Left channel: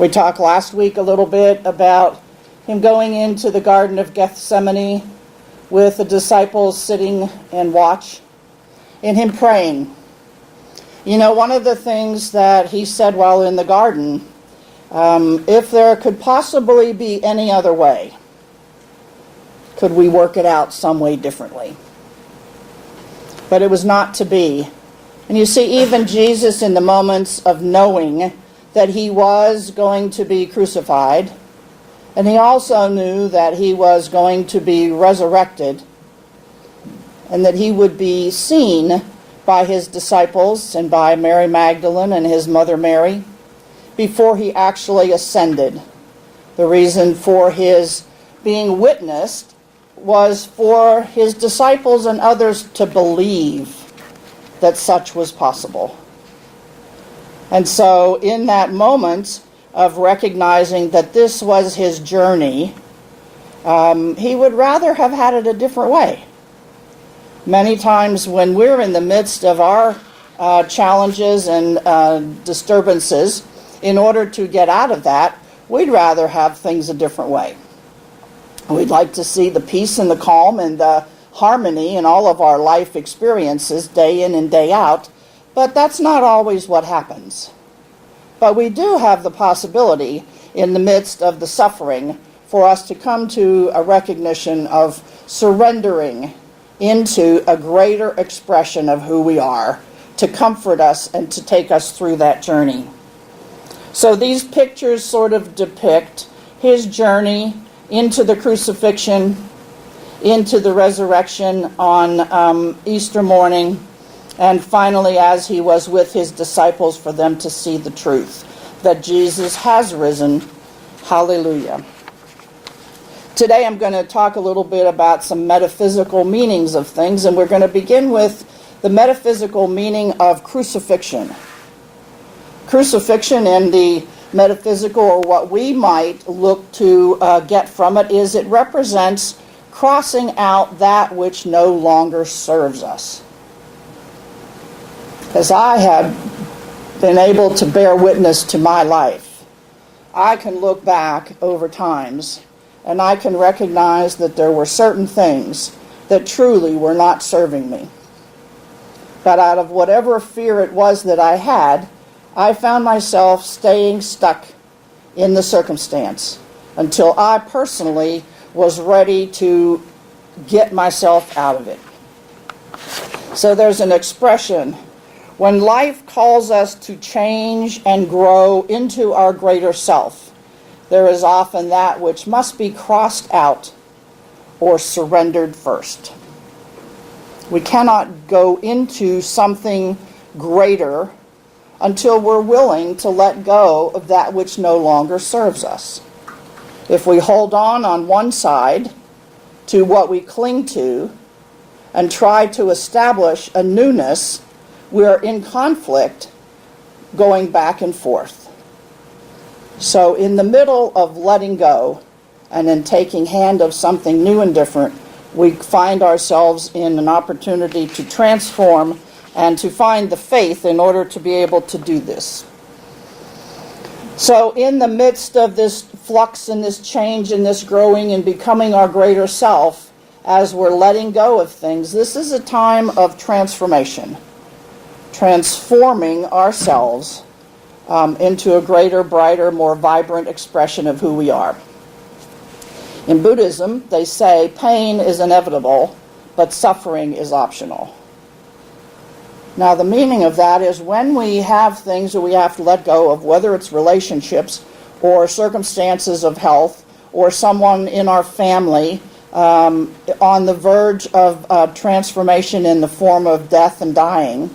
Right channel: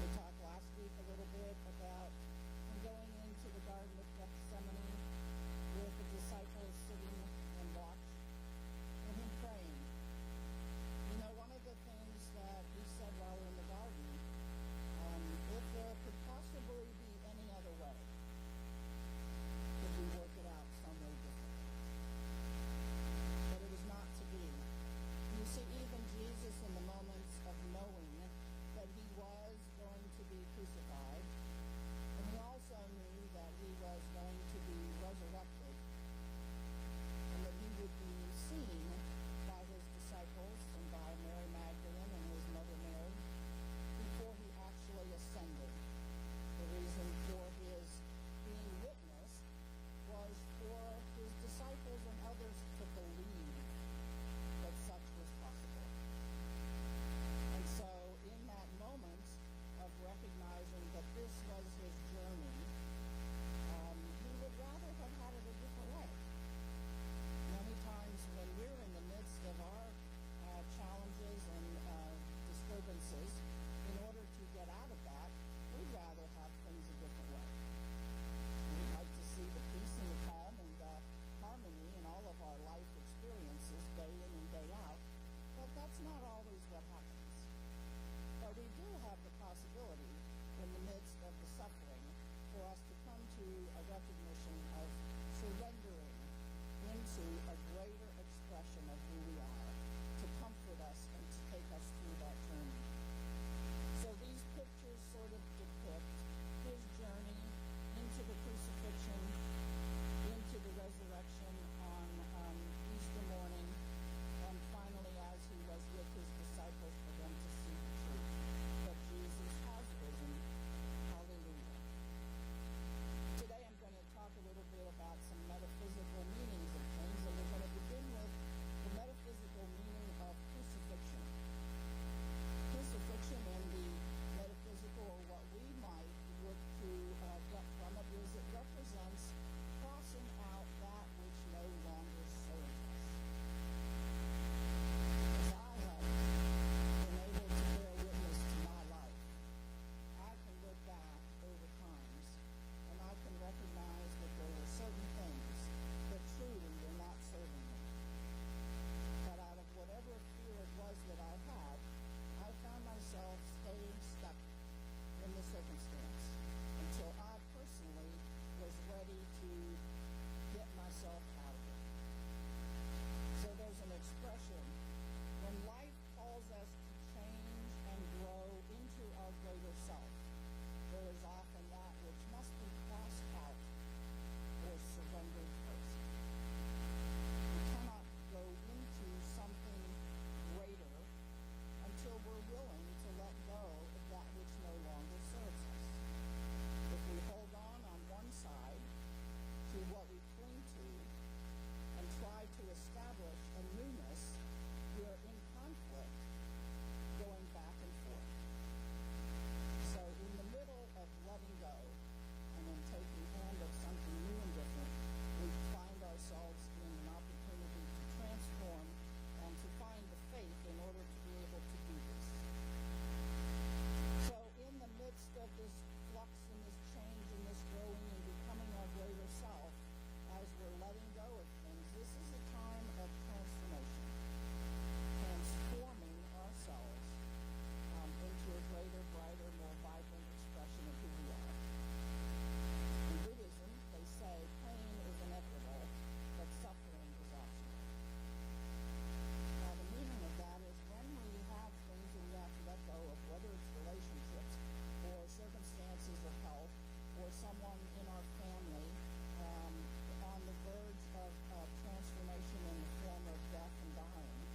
We talked last week a little bit about him going into the Garden of Gethsemane with the disciples sitting and watch, and him praying. You know, one of the things that he said while in the garden, if there could possibly be any other way, could we work it out some way differently? But it was not to be. And you see, even Jesus, in the moments of knowing that he was going to be crucified, and he also knew that he was going to be resurrected, and that he would be seen by his disciples and by Mary Magdalene and his mother Mary before he actually ascended. The reason for his being witnessed was for his disciples and others to believe that such was possible. And so in that moment of recognizing that this was his journey, he would rather have had it a different way. Many times when we're in the midst of our challenges and disturbances, in order to get out of that, we'd rather have things a different way. We'd like to see the peace and the calm and the harmony in all of our life experiences day in and day out, but that's not always what happens. But we do have the possibility in the midst of the suffering for us to come to a recognition of surrendering into a greater expression of who we are, to comfort us and to take us through that journey. So these pictures sort of depict his journey into the crucifixion, into the resurrection on Easter morning, and finally as he was with his disciples for them to see the truth, that Jesus has risen. Hallelujah. Today I'm going to talk a little bit about some metaphysical meanings of things, and we're going to begin with the metaphysical meaning of crucifixion. Crucifixion in the metaphysical, or what we might look to get from it, is it represents crossing out that which no longer serves us. As I have been able to bear witness to my life, I can look back over times and I can recognize that there were certain things that truly were not serving me. But out of whatever fear it was that I had, I found myself staying stuck in the circumstance until I personally was ready to get myself out of it. So there's an expression, when life calls us to change and grow into our greater self, there is often that which must be crossed out or surrendered first. We cannot go into something greater until we're willing to let go of that which no longer serves us. If we hold on one side to what we cling to and try to establish a newness, we're in conflict going back and forth. So in the middle of letting go and in taking hand of something new and different, we find ourselves in an opportunity to transform and to find the faith in order to be able to do this. So in the midst of this flux and this change and this growing and becoming our greater self, as we're letting go of things, this is a time of transformation, transforming ourselves into a greater, brighter, more vibrant expression of who we are. In Buddhism, they say pain is inevitable, but suffering is optional. Now, the meaning of that is when we have things that we have to let go of, whether it's relationships or circumstances of health or someone in our family on the verge of transformation in the form of death and dying,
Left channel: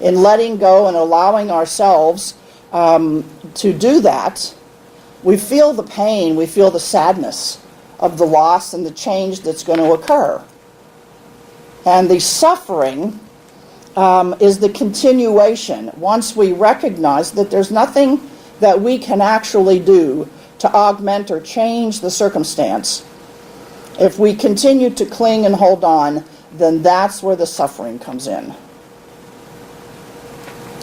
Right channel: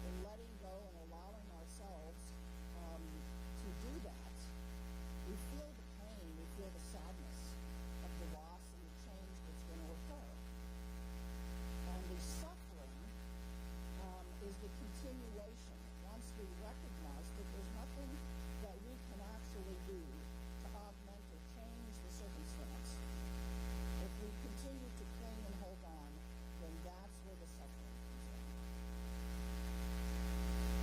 in letting go and allowing ourselves to do that, we feel the pain, we feel the sadness of the loss and the change that's going to occur. And the suffering is the continuation. Once we recognize that there's nothing that we can actually do to augment or change the circumstance, if we continue to cling and hold on, then that's where the suffering comes in.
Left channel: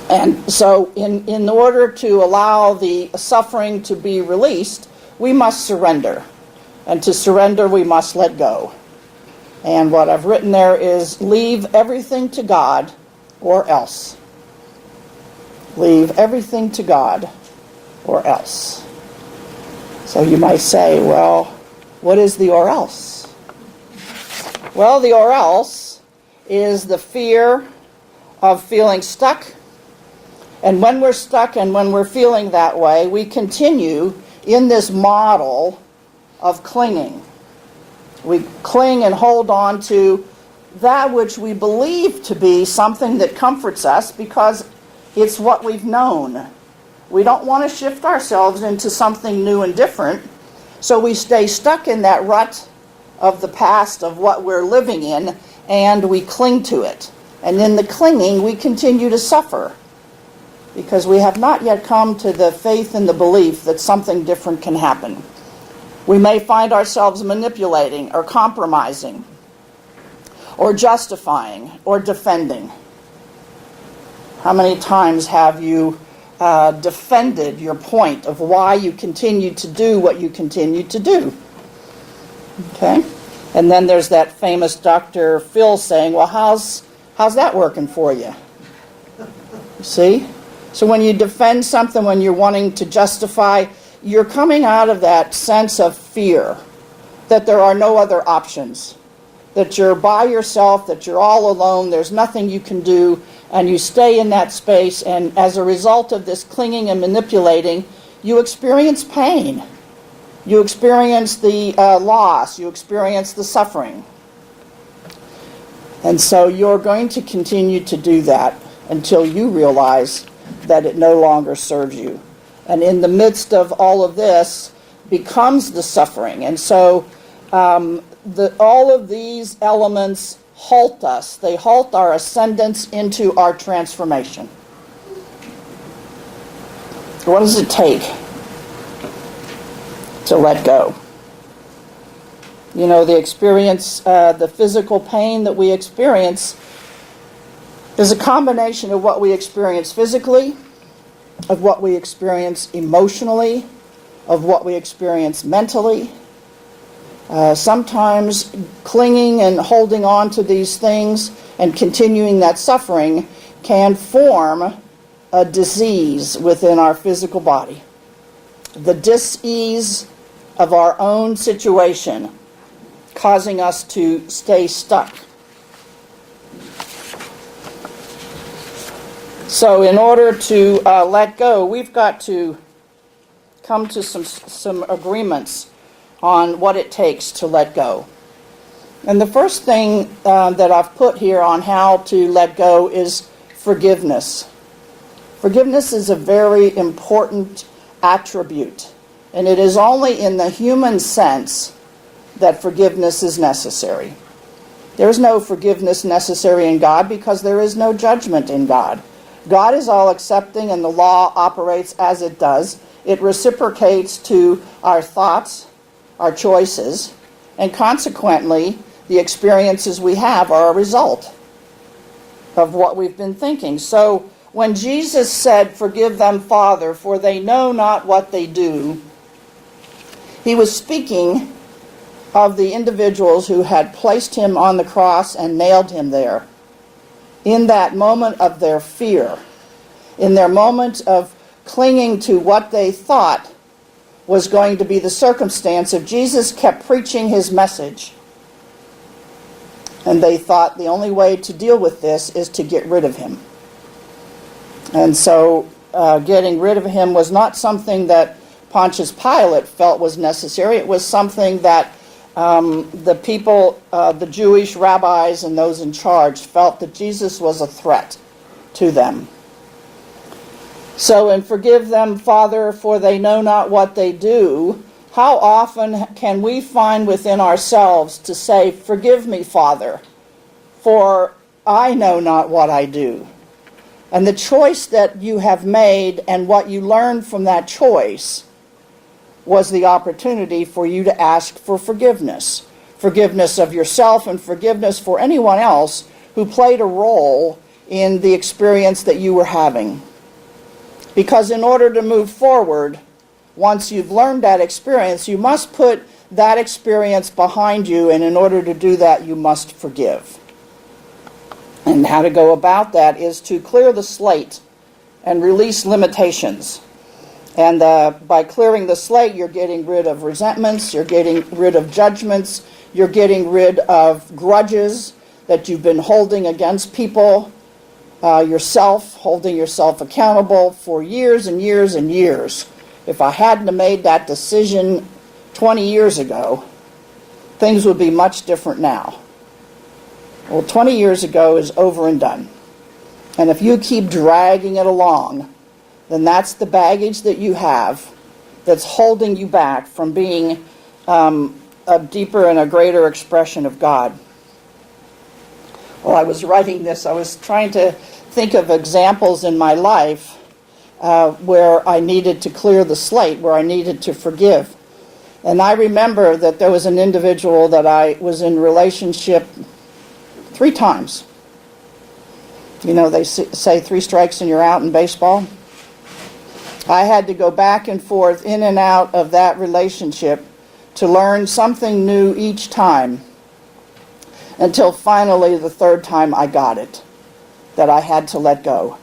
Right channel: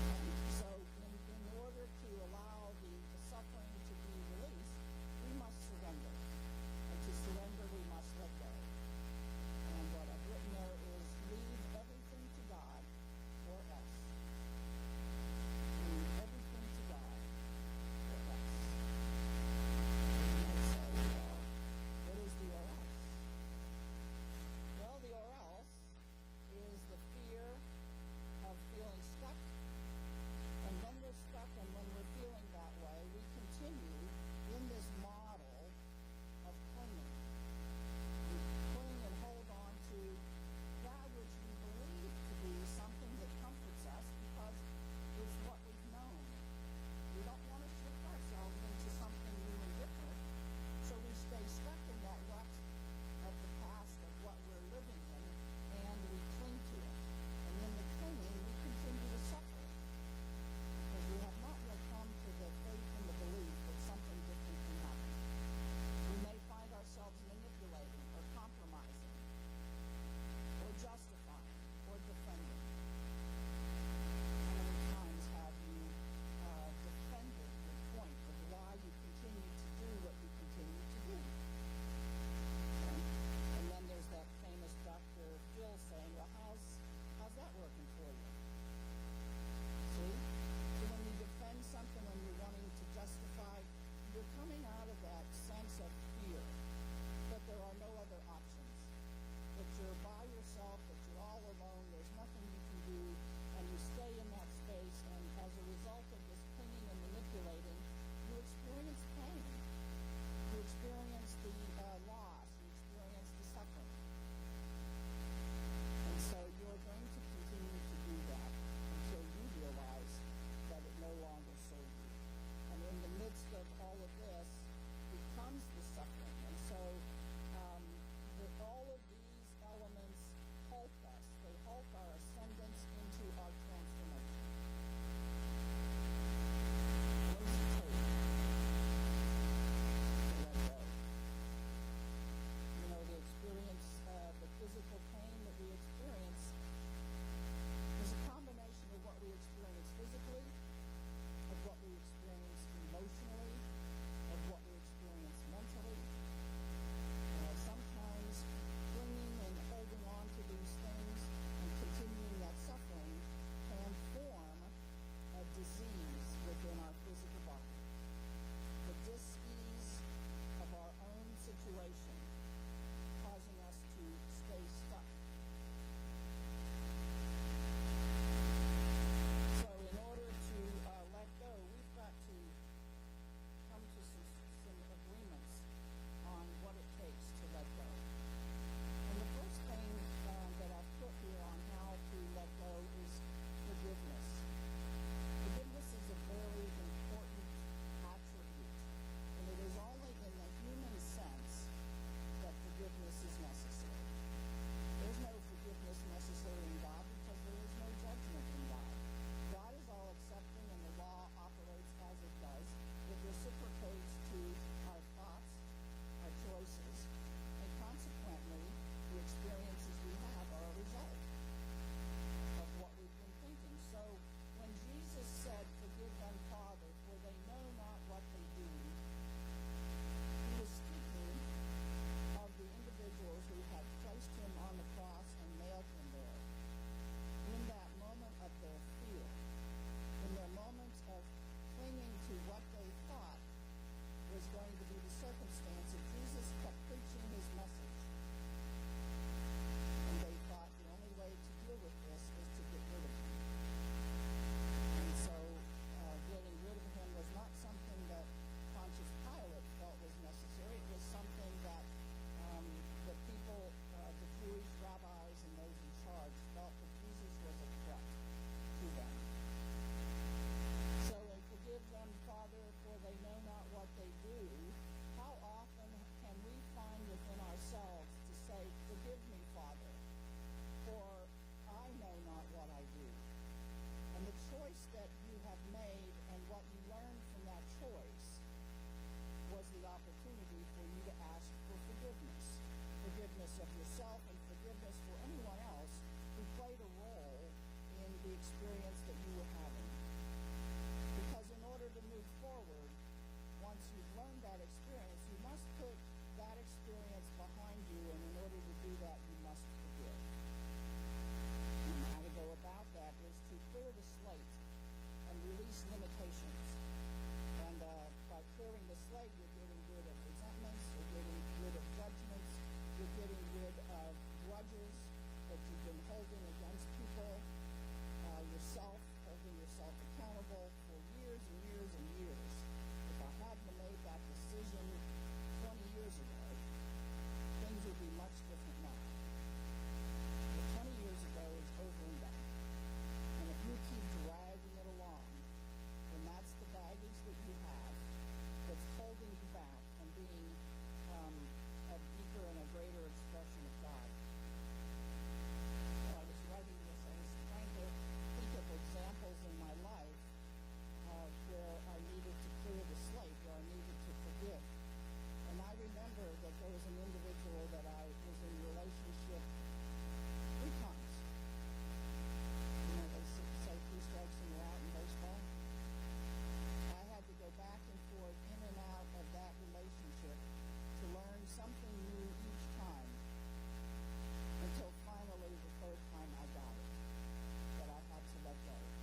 And so in order to allow the suffering to be released, we must surrender. And to surrender, we must let go. And what I've written there is leave everything to God or else. Leave everything to God or else. So you might say, well, what is the or else? Well, the or else is the fear of feeling stuck. And when we're stuck and when we're feeling that way, we continue in this model of clinging. We cling and hold on to that which we believe to be something that comforts us because it's what we've known. We don't want to shift ourselves into something new and different, so we stay stuck in that rut of the past of what we're living in, and we cling to it. And in the clinging, we continue to suffer because we have not yet come to the faith and the belief that something different can happen. We may find ourselves manipulating or compromising or justifying or defending. How many times have you defended your point of why you continue to do what you continue to do? Okay? And then there's that famous Dr. Phil saying, well, how's that working for you? See? So when you defend something, when you're wanting to justify, you're coming out of that sense of fear that there are no other options, that you're by yourself, that you're all alone, there's nothing you can do, and you stay in that space, and as a result of this clinging and manipulating, you experience pain. You experience the loss, you experience the suffering. And so you're going to continue to do that until you realize that it no longer serves you. And in the midst of all of this becomes the suffering. And so all of these elements halt us. They halt our ascendance into our transformation. What does it take to let go? You know, the experience, the physical pain that we experience is a combination of what we experience physically, of what we experience emotionally, of what we experience mentally. Sometimes clinging and holding on to these things and continuing that suffering can form a disease within our physical body. The dis-ease of our own situation causing us to stay stuck. So in order to let go, we've got to come to some agreements on what it takes to let go. And the first thing that I've put here on how to let go is forgiveness. Forgiveness is a very important attribute, and it is only in the human sense that forgiveness is necessary. There is no forgiveness necessary in God because there is no judgment in God. God is all accepting, and the law operates as it does. It reciprocates to our thoughts, our choices, and consequently, the experiences we have are a result of what we've been thinking. So when Jesus said, "Forgive them, Father, for they know not what they do," he was speaking of the individuals who had placed him on the cross and nailed him there. In that moment of their fear, in their moment of clinging to what they thought was going to be the circumstance, if Jesus kept preaching his message, and they thought the only way to deal with this is to get rid of him. And so getting rid of him was not something that Pontius Pilate felt was necessary. It was something that the people, the Jewish rabbis and those in charge felt that Jesus was a threat to them. So in "Forgive them, Father, for they know not what they do," how often can we find within ourselves to say, "Forgive me, Father, for I know not what I do"? And the choice that you have made and what you learned from that choice was the opportunity for you to ask for forgiveness. Forgiveness of yourself and forgiveness for anyone else who played a role in the experience that you were having. Because in order to move forward, once you've learned that experience, you must put that experience behind you, and in order to do that, you must forgive. And how to go about that is to clear the slate and release limitations. And by clearing the slate, you're getting rid of resentments, you're getting rid of judgments, you're getting rid of grudges that you've been holding against people, yourself, holding yourself accountable for years and years and years. If I hadn't have made that decision 20 years ago, things would be much different now. Well, 20 years ago is over and done. And if you keep dragging it along, then that's the baggage that you have that's holding you back from being a deeper and a greater expression of God. While I was writing this, I was trying to think of examples in my life where I needed to clear the slate, where I needed to forgive. And I remember that there was an individual that I was in relationship 3 times. You know, they say 3 strikes and you're out in baseball. I had to go back and forth, in and out of that relationship to learn something new each time, until finally the 3rd time I got it, that I had to let go,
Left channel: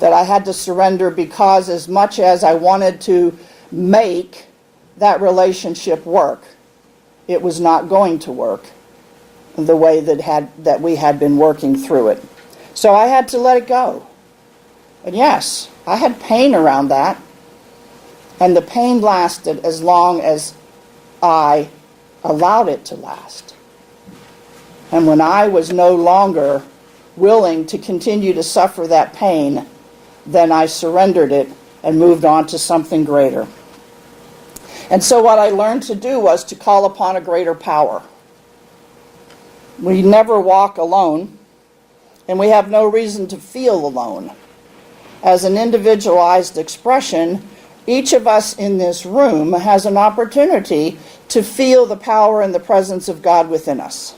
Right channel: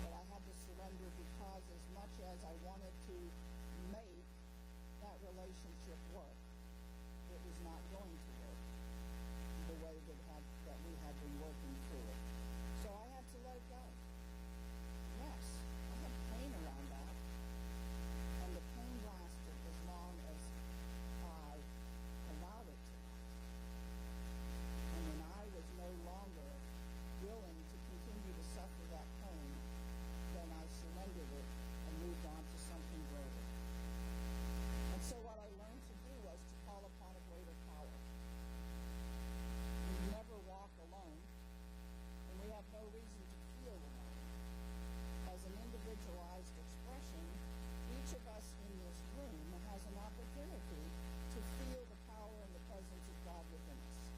that I had to surrender, because as much as I wanted to make that relationship work, it was not going to work the way that we had been working through it. So I had to let it go. And yes, I had pain around that, and the pain lasted as long as I allowed it to last. And when I was no longer willing to continue to suffer that pain, then I surrendered it and moved on to something greater. And so what I learned to do was to call upon a greater power. We never walk alone, and we have no reason to feel alone. As an individualized expression, each of us in this room has an opportunity to feel the power and the presence of God within us.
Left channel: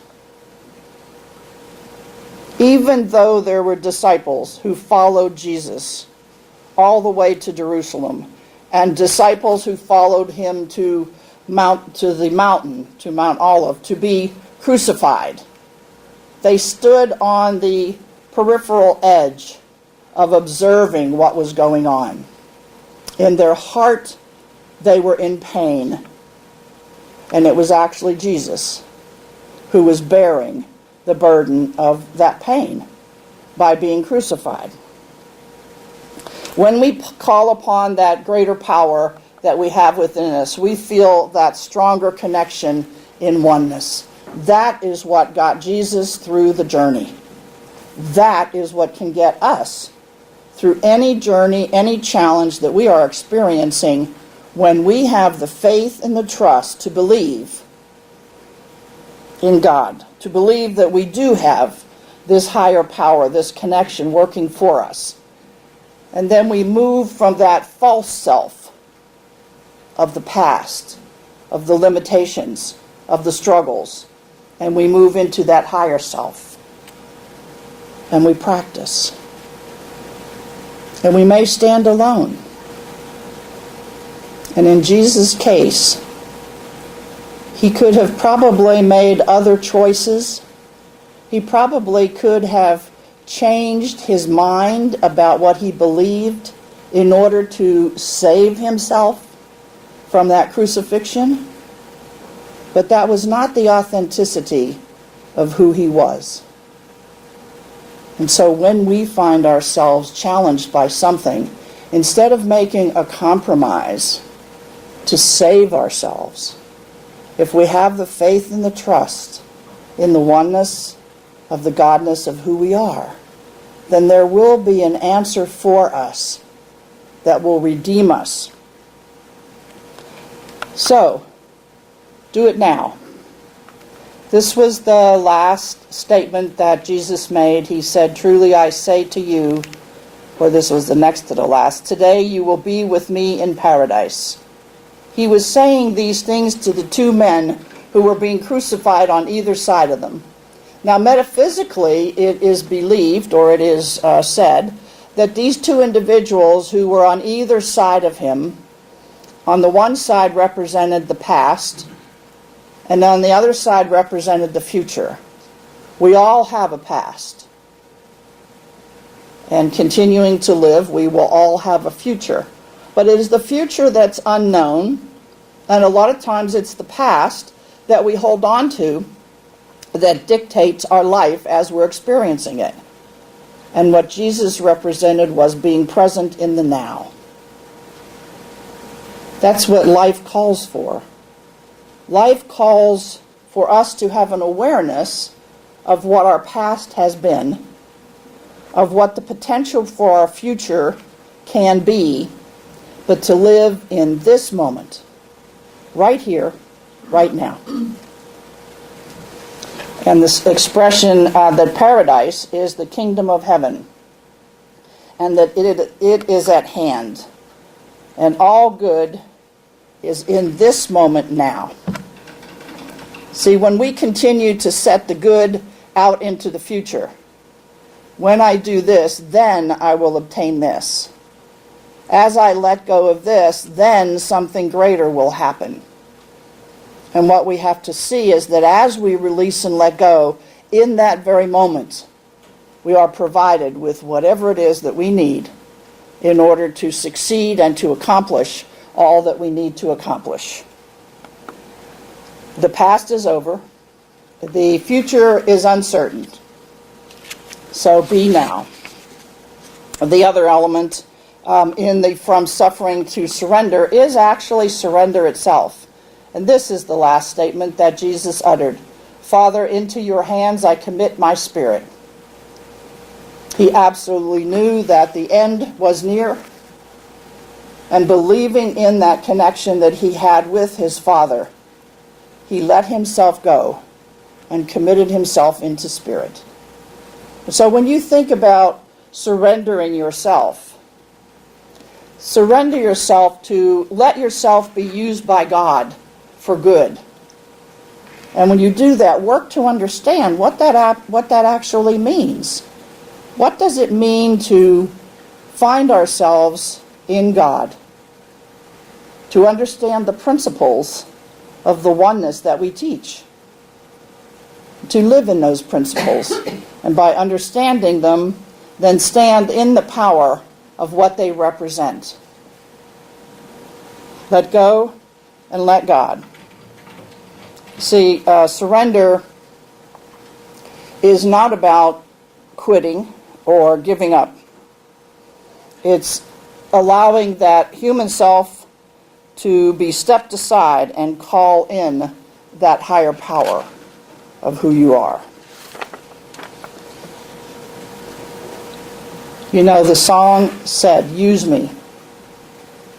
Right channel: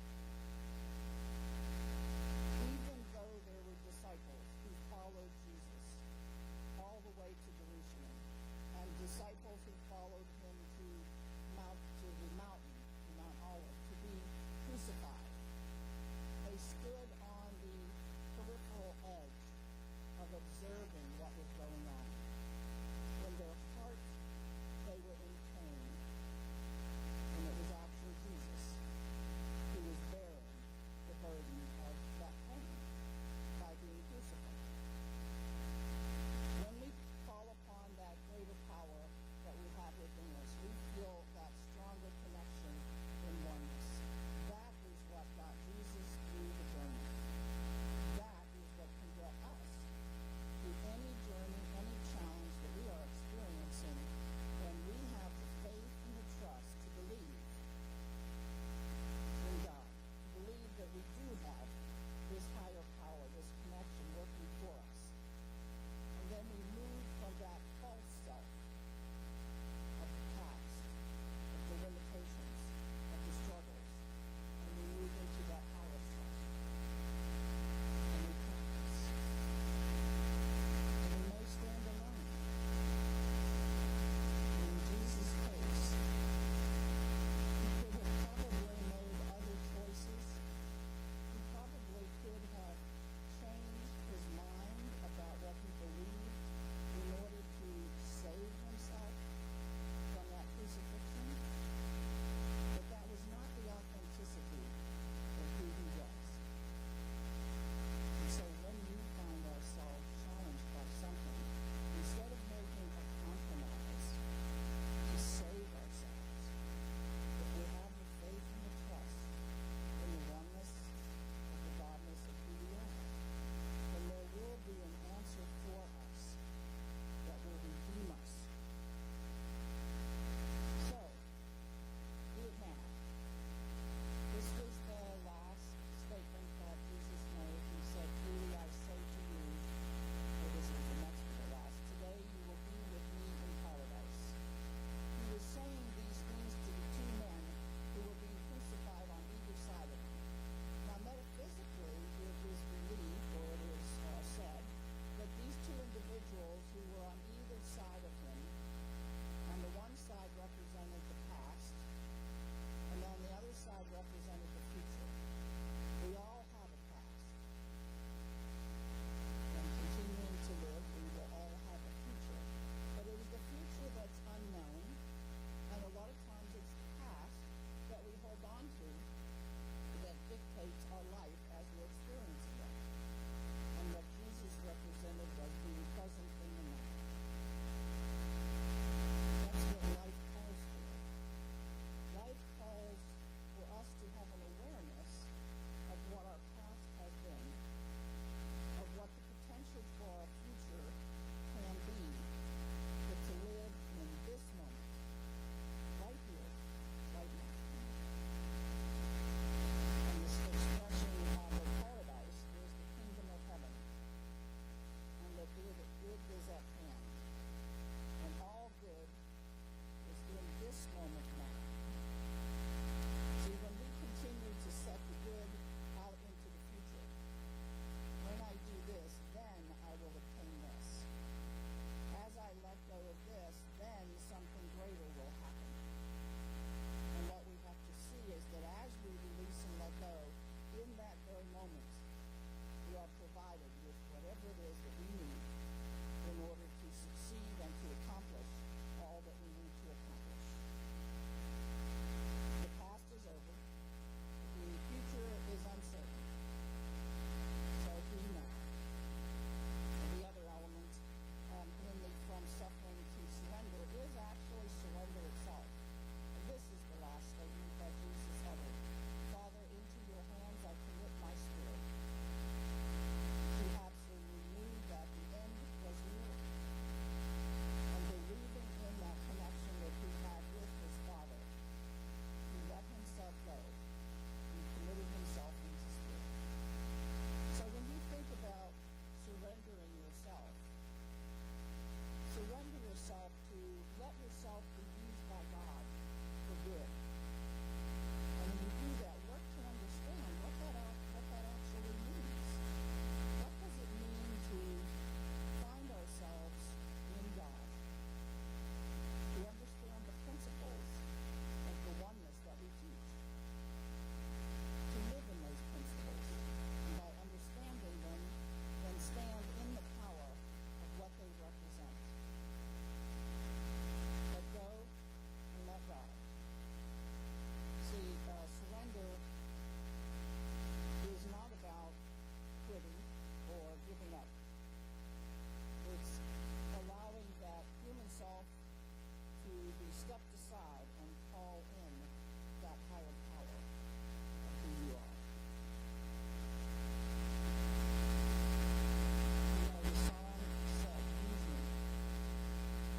Even though there were disciples who followed Jesus all the way to Jerusalem, and disciples who followed him to Mount Olive, to be crucified, they stood on the peripheral edge of observing what was going on. In their heart, they were in pain. And it was actually Jesus who was bearing the burden of that pain by being crucified. When we call upon that greater power that we have within us, we feel that stronger connection in oneness. That is what got Jesus through the journey. That is what can get us through any journey, any challenge that we are experiencing, when we have the faith and the trust to believe in God, to believe that we do have this higher power, this connection working for us. And then we move from that false self of the past, of the limitations, of the struggles, and we move into that higher self. And we practice. And we may stand alone. And in Jesus' case, he could have probably made other choices. He probably could have changed his mind about what he believed in order to save himself from that crucifixion. But that was not the authenticity of who he was. And so when we find ourselves challenged by something, instead of making a compromise to save ourselves, if we have the faith and the trust in the oneness of the godness of who we are, then there will be an answer for us that will redeem us. So, do it now. This was the last statement that Jesus made. He said, "Truly I say to you," or this was the next to the last, "today you will be with me in paradise." He was saying these things to the 2 men who were being crucified on either side of them. Now, metaphysically, it is believed, or it is said, that these two individuals who were on either side of him, on the one side represented the past, and on the other side represented the future. We all have a past. And continuing to live, we will all have a future. But it is the future that's unknown, and a lot of times it's the past that we hold on to that dictates our life as we're experiencing it. And what Jesus represented was being present in the now. That's what life calls for. Life calls for us to have an awareness of what our past has been, of what the potential for our future can be, but to live in this moment, right here, right now. And this expression that paradise is the kingdom of heaven, and that it is at hand, and all good is in this moment now. See, when we continue to set the good out into the future, when I do this, then I will obtain this. As I let go of this, then something greater will happen. And what we have to see is that as we release and let go, in that very moment, we are provided with whatever it is that we need in order to succeed and to accomplish all that we need to accomplish. The past is over. The future is uncertain. So be now. The other element from suffering to surrender is actually surrender itself. And this is the last statement that Jesus uttered. Father, into your hands I commit my spirit. He absolutely knew that the end was near, and believing in that connection that he had with his Father, he let himself go and committed himself into spirit. So when you think about surrendering yourself, surrender yourself to let yourself be used by God for good. And when you do that, work to understand what that actually means. What does it mean to find ourselves in God? To understand the principles of the oneness that we teach. To live in those principles. And by understanding them, then stand in the power of what they represent. Let go and let God. See, surrender is not about quitting or giving up. It's allowing that human self to be stepped aside and call in that higher power of who you are. You know, the song said, "Use me,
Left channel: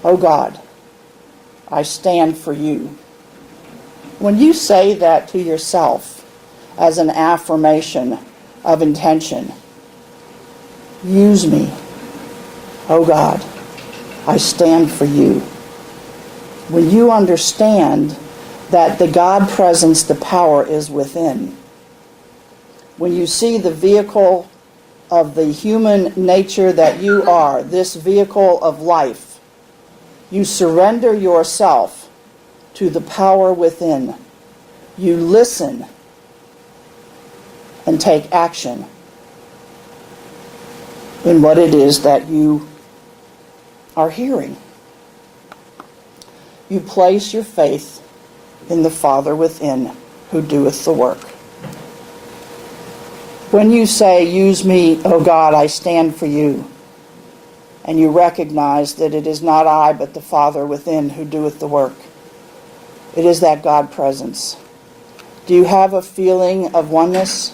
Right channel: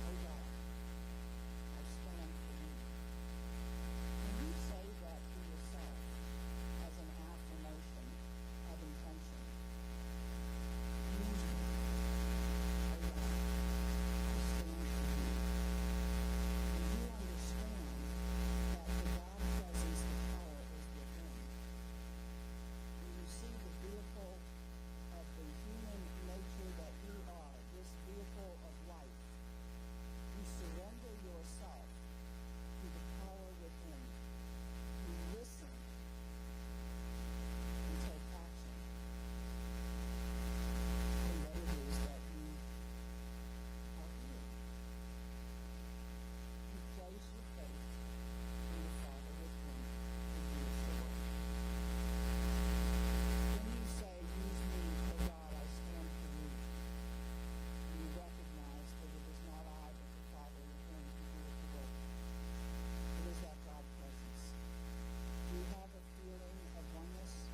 oh God, I stand for you." When you say that to yourself as an affirmation of intention, use me, oh God, I stand for you. When you understand that the God presence, the power is within, when you see the vehicle of the human nature that you are, this vehicle of life, you surrender yourself to the power within. You listen and take action in what it is that you are hearing. You place your faith in the Father within who doeth the work. When you say, "Use me, O God, I stand for you," and you recognize that it is not I, but the Father within who doeth the work, it is that God presence. Do you have a feeling of oneness?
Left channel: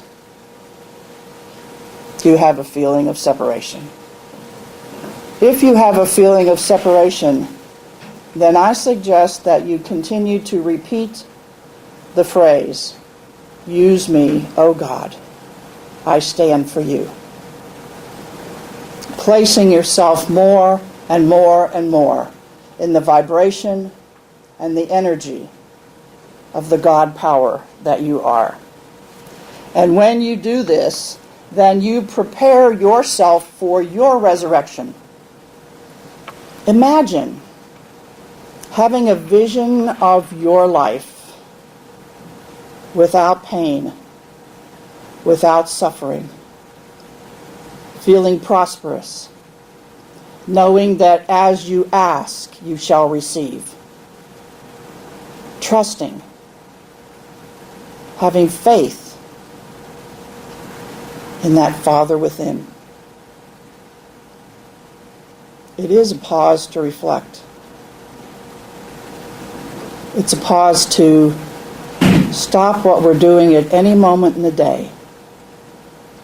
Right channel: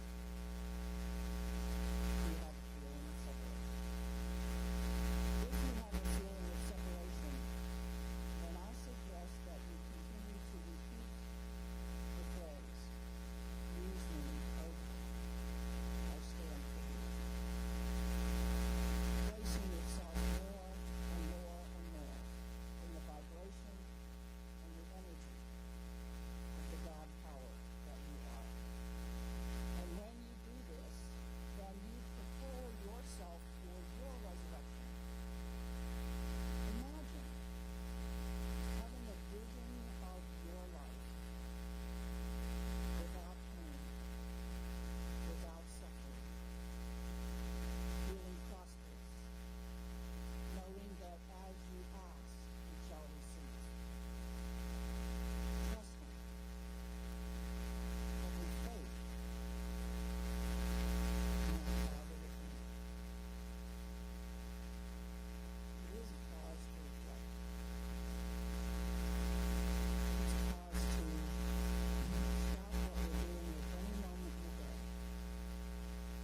Do you have a feeling of separation? If you have a feeling of separation, then I suggest that you continue to repeat the phrase, "Use me, O God, I stand for you." Placing yourself more and more and more in the vibration and the energy of the God power that you are. And when you do this, then you prepare yourself for your resurrection. Imagine having a vision of your life without pain, without suffering, feeling prosperous, knowing that as you ask, you shall receive, trusting, having faith in that Father within. It is a pause to reflect. It's a pause to stop what we're doing at any moment in the day,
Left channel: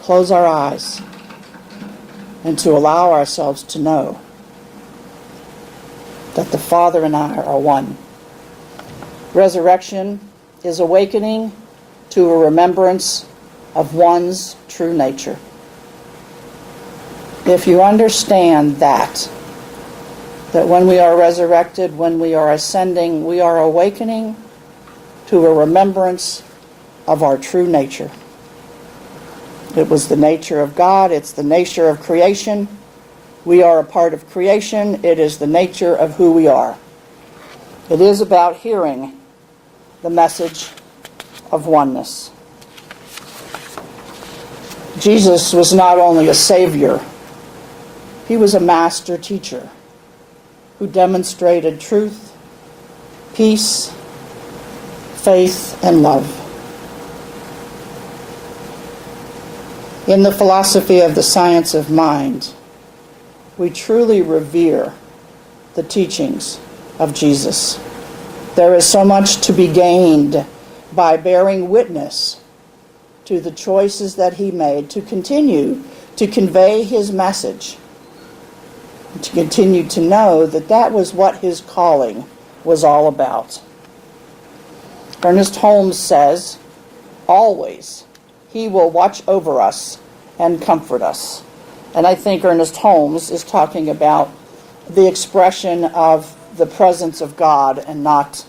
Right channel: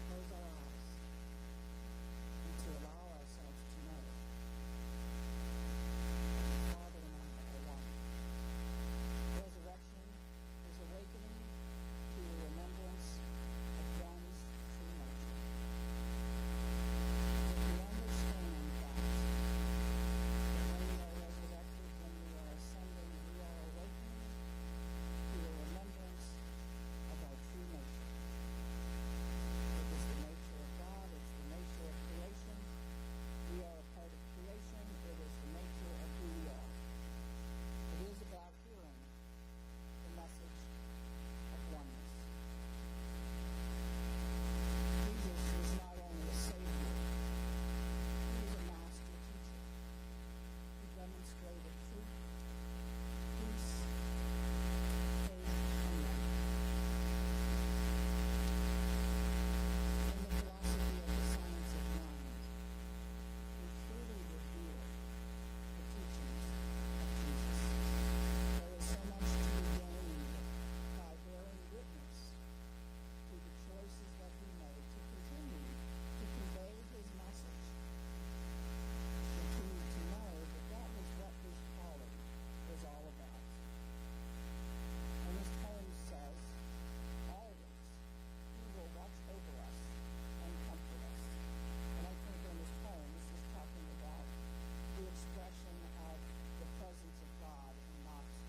close our eyes, and to allow ourselves to know that the Father and I are one. Resurrection is awakening to a remembrance of one's true nature. If you understand that when we are resurrected, when we are ascending, we are awakening to a remembrance of our true nature. It was the nature of God. It's the nature of creation. We are a part of creation. It is the nature of who we are. It is about hearing the message of oneness. Jesus was not only a Savior, he was a master teacher who demonstrated truth, peace, faith, and love. In the philosophy of the science of mind, we truly revere the teachings of Jesus. There is so much to be gained by bearing witness to the choices that he made to continue to convey his message, to continue to know that that was what his calling was all about. Ernest Holmes says, always, he will watch over us and comfort us. And I think Ernest Holmes is talking about the expression of the presence of God and not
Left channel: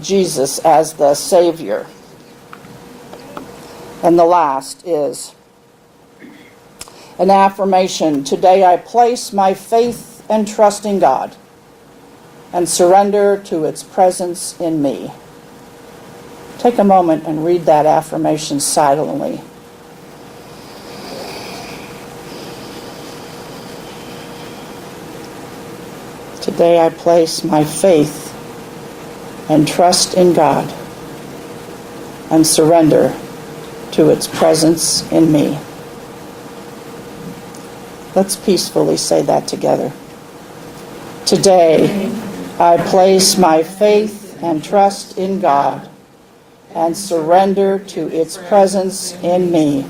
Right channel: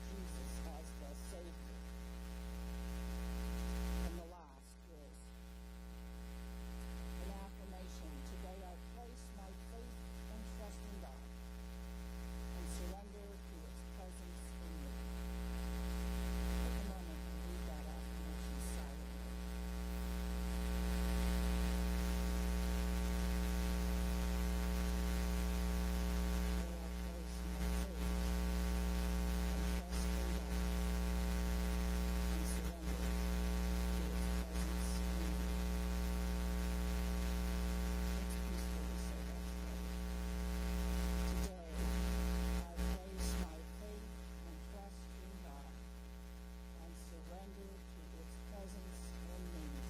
Jesus as the Savior. And the last is an affirmation. Today I place my faith and trust in God and surrender to its presence in me. Take a moment and read that affirmation silently. Today I place my faith and trust in God and surrender to its presence in me. Let's peacefully say that together. Today, I place my faith and trust in God and surrender to its presence in me.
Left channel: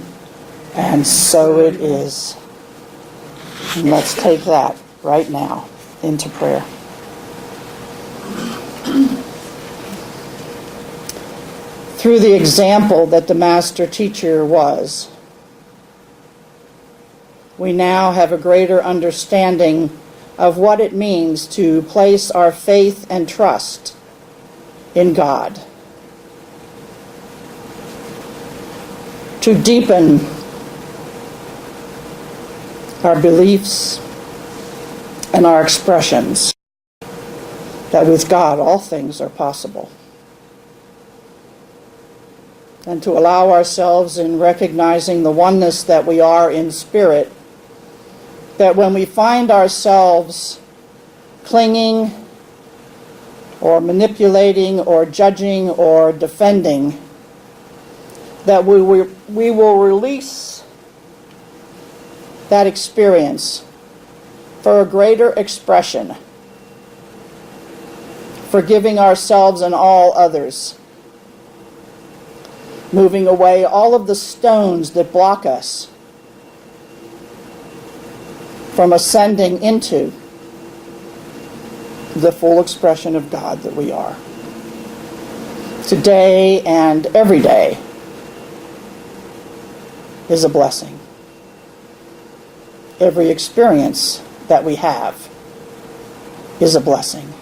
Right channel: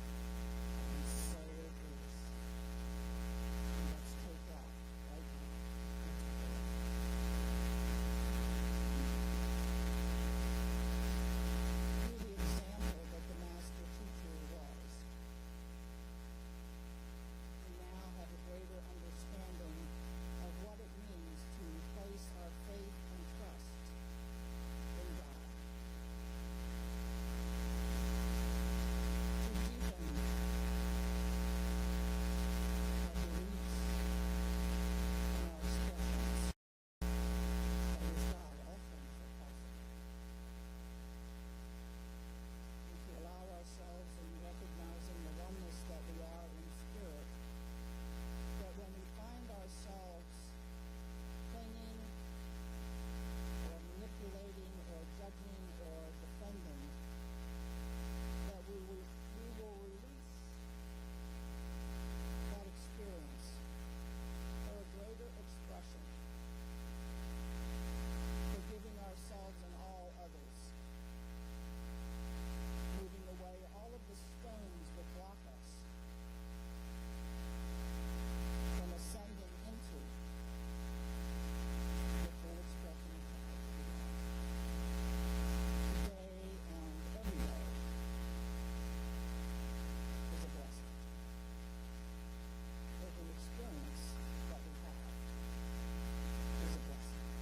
And so it is. And let's take that right now into prayer. Through the example that the master teacher was, we now have a greater understanding of what it means to place our faith and trust in God, to deepen our beliefs and our expressions that with God all things are possible, and to allow ourselves in recognizing the oneness that we are in spirit, that when we find ourselves clinging or manipulating or judging or defending, that we will release that experience for a greater expression, forgiving ourselves and all others, moving away all of the stones that block us from ascending into the full expression of God that we are. Today and every day is a blessing. Every experience that we have is a blessing.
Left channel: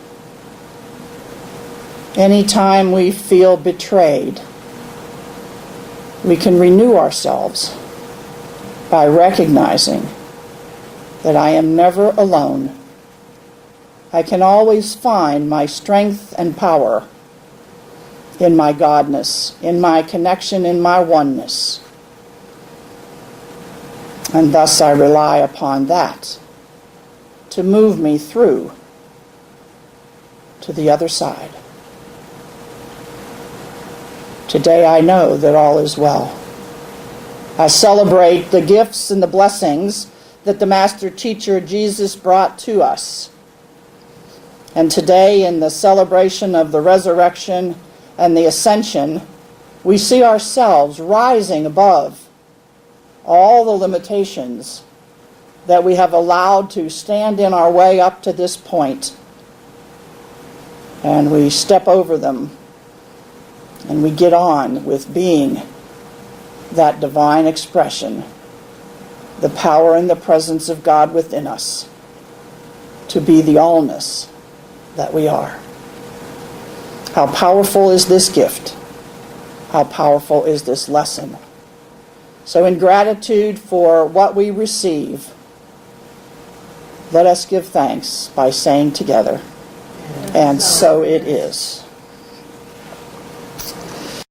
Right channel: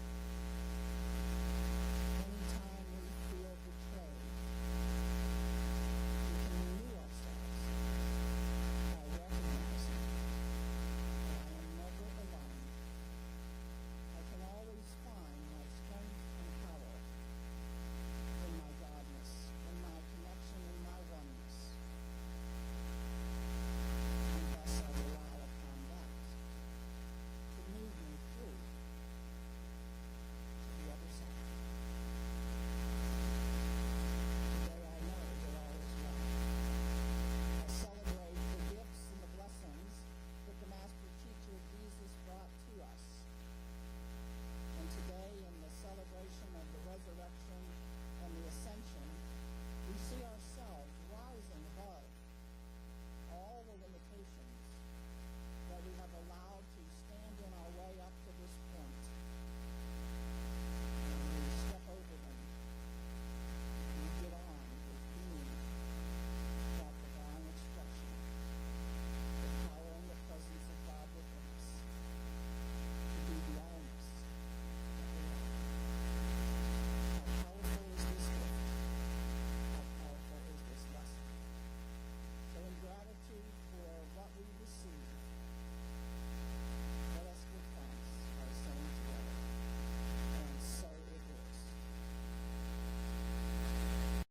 Anytime we feel betrayed, We can renew ourselves by recognizing that I am never alone. I can always find my strength and power in my Godness, in my connection, in my oneness. And thus I rely upon that to move me through to the other side. Today I know that all is well. I celebrate the gifts and the blessings that the Master Teacher Jesus brought to us. And today, in the celebration of the resurrection and the ascension, we see ourselves rising above all the limitations that we have allowed to stand in our way up to this point. And we step over them, and we get on with being that divine expression, the power and the presence of God within us, to be the allness that we are. How powerful is this gift? How powerful is this lesson? So in gratitude for what we receive, let us give thanks by saying together, and so it is.